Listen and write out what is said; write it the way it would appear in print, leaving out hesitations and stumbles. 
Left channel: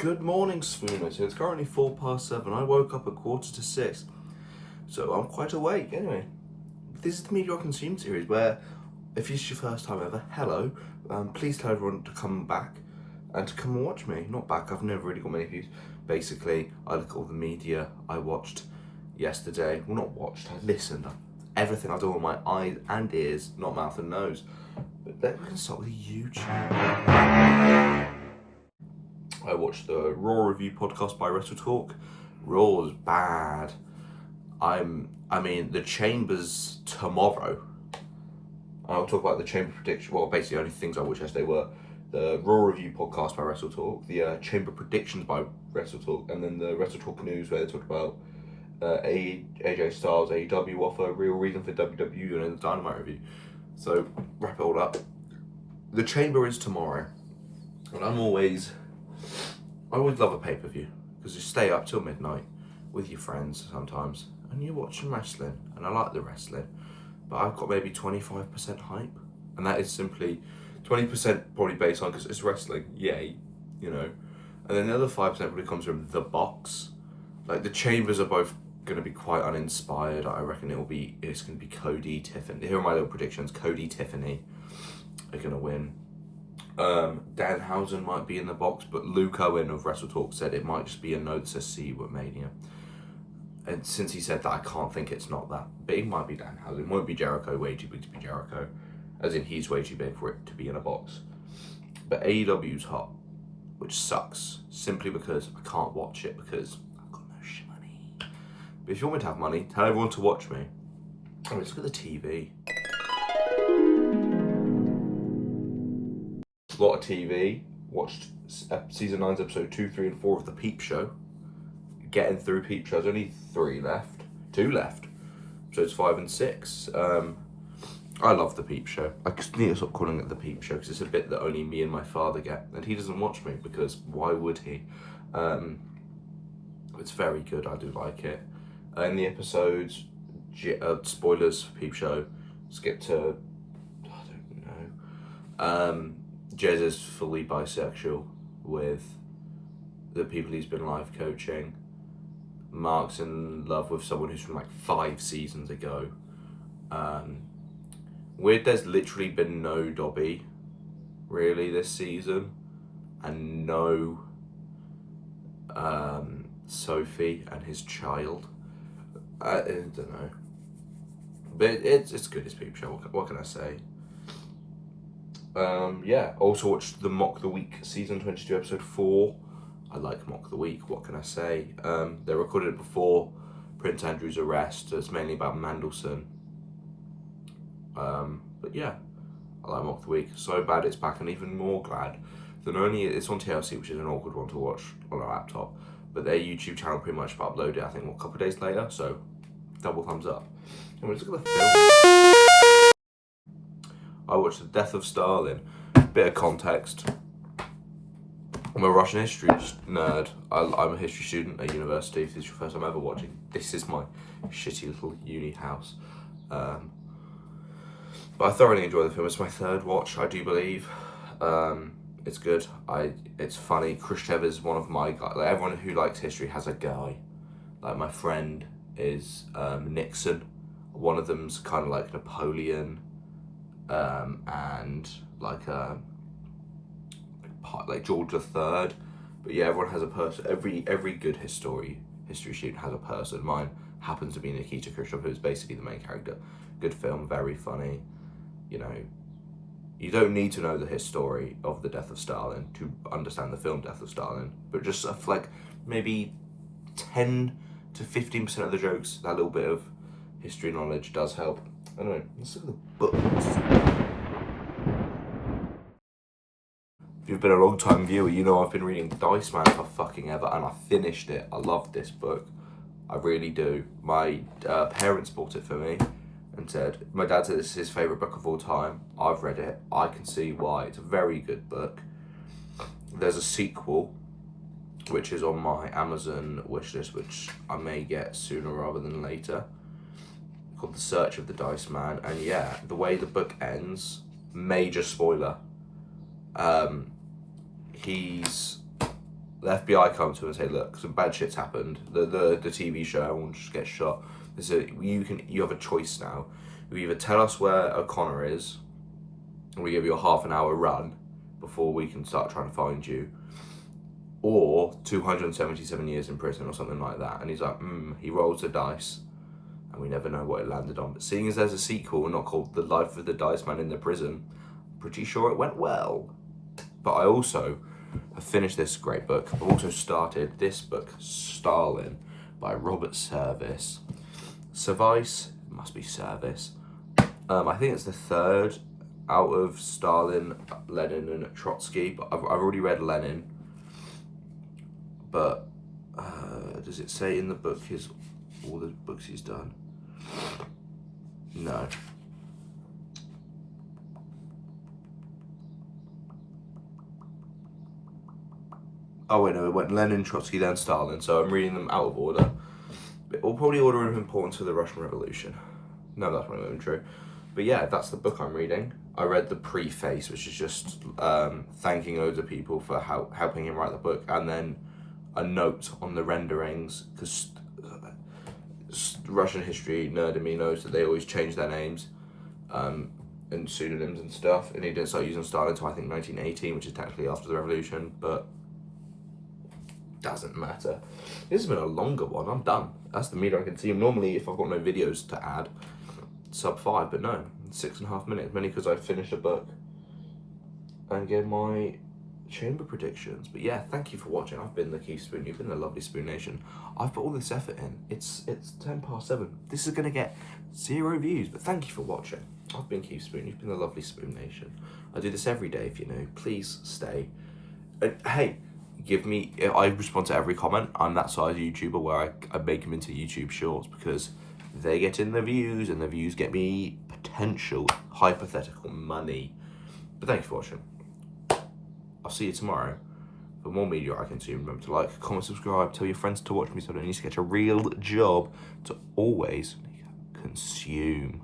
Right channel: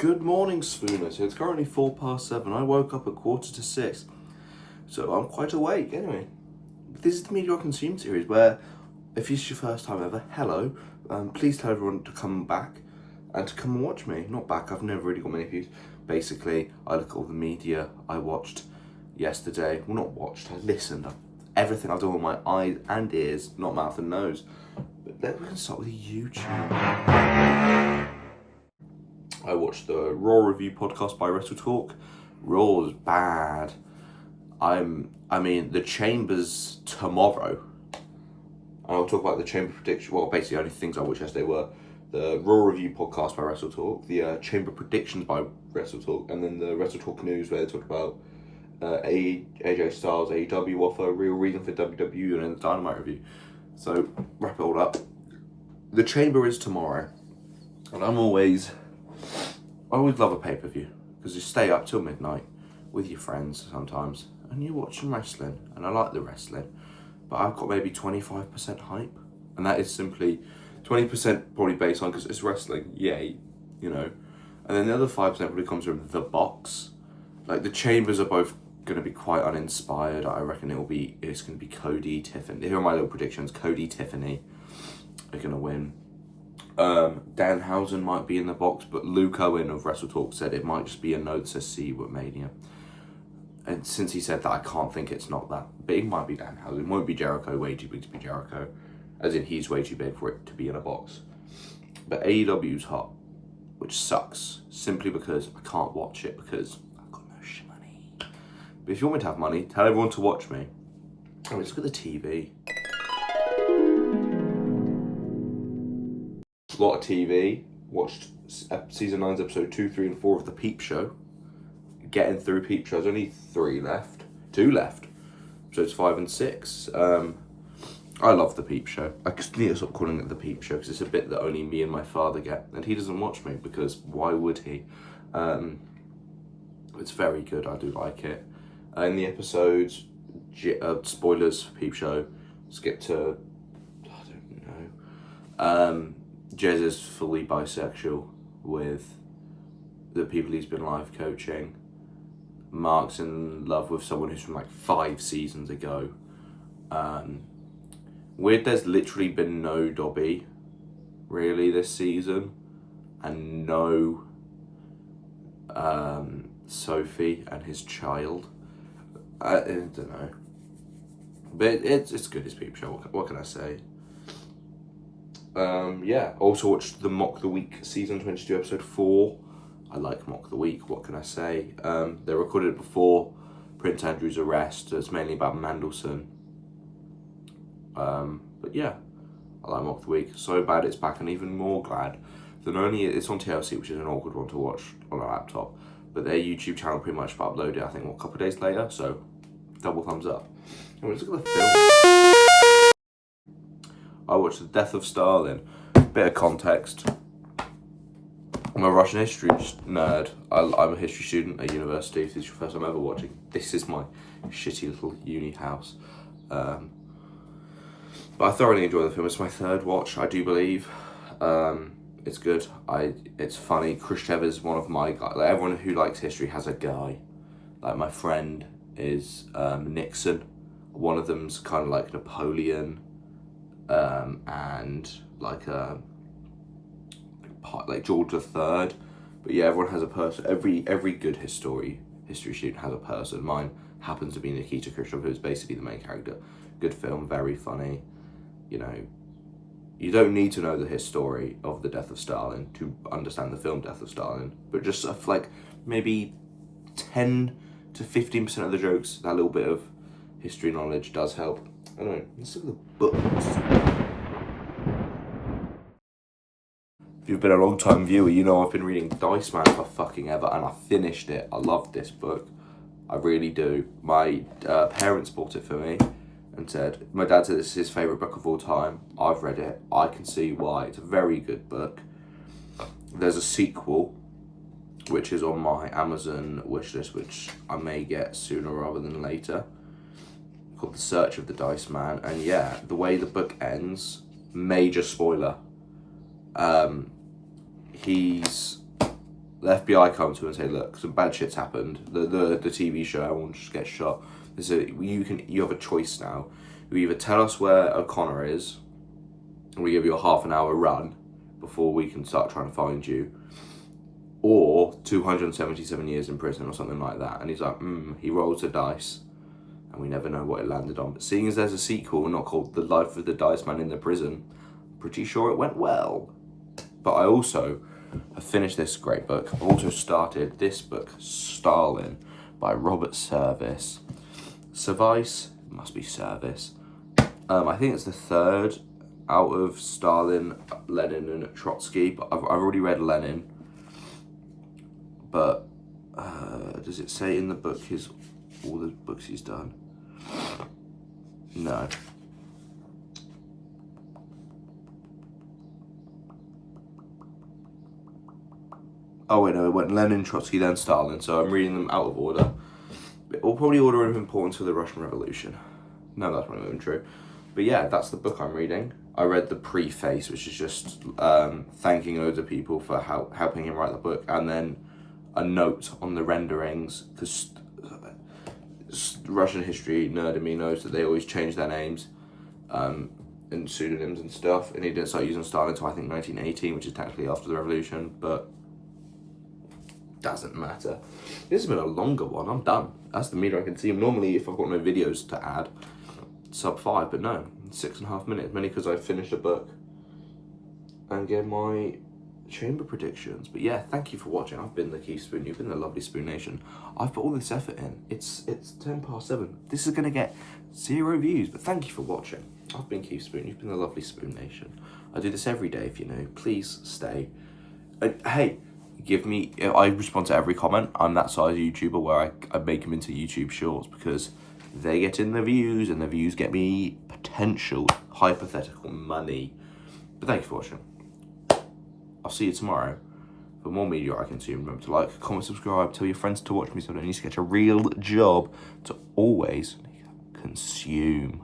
Good morning, Spooners. It's currently 7:04. I woke up at 5:45, so I'm quite awake. Anyway, this is the Media I Consume series where, if this is your first time ever, hello. Please tell everyone to come back and to come and watch me. Not back, I've never really got many views. Basically, I look at all the media I watched yesterday. Well, not watched, I listened. Everything I do with my eyes and ears, not mouth and nose. But then we're going to start with YouTube. I watched the Raw review podcast by WrestleTalk. Raw was bad. I mean, the Chamber's tomorrow. And I'll talk about the Chamber prediction. Well, basically, only things I watched yesterday were the Raw review podcast by WrestleTalk, the Chamber predictions by WrestleTalk, and then the WrestleTalk news where they talked about AJ Styles, AEW offer, real reason for WWE, and then the Dynamite review. So, wrap it all up. The Chamber is tomorrow. And I always love a pay-per-view because you stay up till midnight with your friends sometimes and you're watching wrestling, and I like the wrestling, but I've got maybe 25% hype, and that is simply 20% probably based on because it's wrestling, yay, you know, and then the other 5% probably comes from the box. Like the Chambers are both going to be quite uninspired. I reckon it's going to be Cody, Tiffany. Here are my little predictions. Cody, Tiffany are going to win. Danhausen might be in the box, but Luke Owen of WrestleTalk said it might just be a note that says "See you at Mania." And since he said that, I can't think it's not that. But it might be Danhausen. It won't be Jericho, way too big to be Jericho. As in, he's way too big for it to be in a box. But AEW's hot, which sucks, simply because I can't watch it because I've got no money. But if you want me to have money, tell everyone to watch me. I mean, look at the TV. A lot of TV. Watched season 9's episode 2, 3, and 4 of The Peep Show. Getting through Peep Show. There's only 2 left. Episodes 5 and 6. I love The Peep Show. I just need to stop calling it The Peep Show because it's a bit that only me and my father get, and he doesn't watch me because why would he? It's very good. I do like it. In the episodes, spoilers for Peep Show. Skip to I don't know. Jez is fully bisexual with the people he's been life coaching. Mark's in love with someone who's from like 5 seasons ago. Weird, there's literally been no Dobby really this season, and no Sophie and his child. I don't know, but it's good as Peep Show. What can I say? Yeah, also watched the Mock the Week season 22 episode 4. I like Mock the Week, what can I say? They recorded it before Prince Andrew's arrest. It's mainly about Mandelson. But yeah, I like Mock the Week. So bad it's back, and even more glad than only it's on TLC, which is an awkward one to watch on a laptop. But their YouTube channel pretty much uploaded, I think, a couple of days later, so double thumbs up. And let's look at the film. I watched The Death of Stalin. Bit of context. I'm a Russian history nerd. I'm a history student at university. If this is your first time ever watching, this is my shitty little uni house. But I thoroughly enjoy the film. It's my 3rd watch, I do believe. It's good. It's funny. Khrushchev is one of my guys. Like, everyone who likes history has a guy. Like, my friend is Nixon. One of them's kind of like Napoleon. And like George III, but yeah, everyone has a person. Every good history student has a person. Mine happens to be Nikita Khrushchev, who's basically the main character. Good film, very funny. You know, you don't need to know the history of the death of Stalin to understand the film Death of Stalin, but just like maybe 10 to 15% of the jokes, that little bit of history knowledge does help. Anyway, let's look at the books. If you've been a long time viewer, you know I've been reading Dice Man for fucking ever, and I finished it. I love this book. I really do. My parents bought it for me and said, my dad said this is his favourite book of all time. I've read it. I can see why. It's a very good book. There's a sequel, which is on my Amazon wishlist, which I may get sooner rather than later, called The Search of the Dice Man. And yeah, the way the book ends, major spoiler, he's the FBI come to him and say, look, some bad shit's happened. The TV show, everyone just gets shot. You have a choice now. You either tell us where O'Connor is, and we give you a half an hour run before we can start trying to find you, or 277 years in prison or something like that. And he's like, he rolls the dice, and we never know what it landed on. But seeing as there's a sequel not called The Life of the Dice Man in the Prison, I'm pretty sure it went well. But I also have finished this great book. I've also started this book, Stalin, by Robert Service. Service, must be Service. I think it's the third out of Stalin, Lenin, and Trotsky. But I've already read Lenin. But does it say in the book all the books he's done? No. Oh wait, no, it went Lenin, Trotsky, then Stalin. So I'm reading them out of order. We'll probably order of importance for the Russian Revolution. No, that's not even true. But yeah, that's the book I'm reading. I read the preface, which is just thanking loads of people for helping him write the book, and then a note on the renderings, because Russian history nerd in me knows that they always change their names and pseudonyms and stuff, and he didn't start using Stalin until I think 1918, which is technically after the revolution, but doesn't matter. This has been a longer one. I'm done. That's the meter I can see. Normally, if I've got no videos to add, sub 5, but no, 6.5 minutes, mainly because I finished a book and gave my chamber predictions. But yeah, thank you for watching. I've been the Keith Spoon. You've been the lovely Spoon Nation. I've put all this effort in. It's 7:10. This is gonna get 0 views, but thank you for watching. I've been Keith Spoon. You've been the lovely Spoon Nation. I do this every day. If you know, please stay. Hey, I respond to every comment. I'm that size YouTuber where I make them into YouTube shorts because they get in the views, and the views get me potential hypothetical money. But thank you for watching. I'll see you tomorrow for more media I consume. Remember to like, comment, subscribe, tell your friends to watch me so I don't need to get a real job to always consume.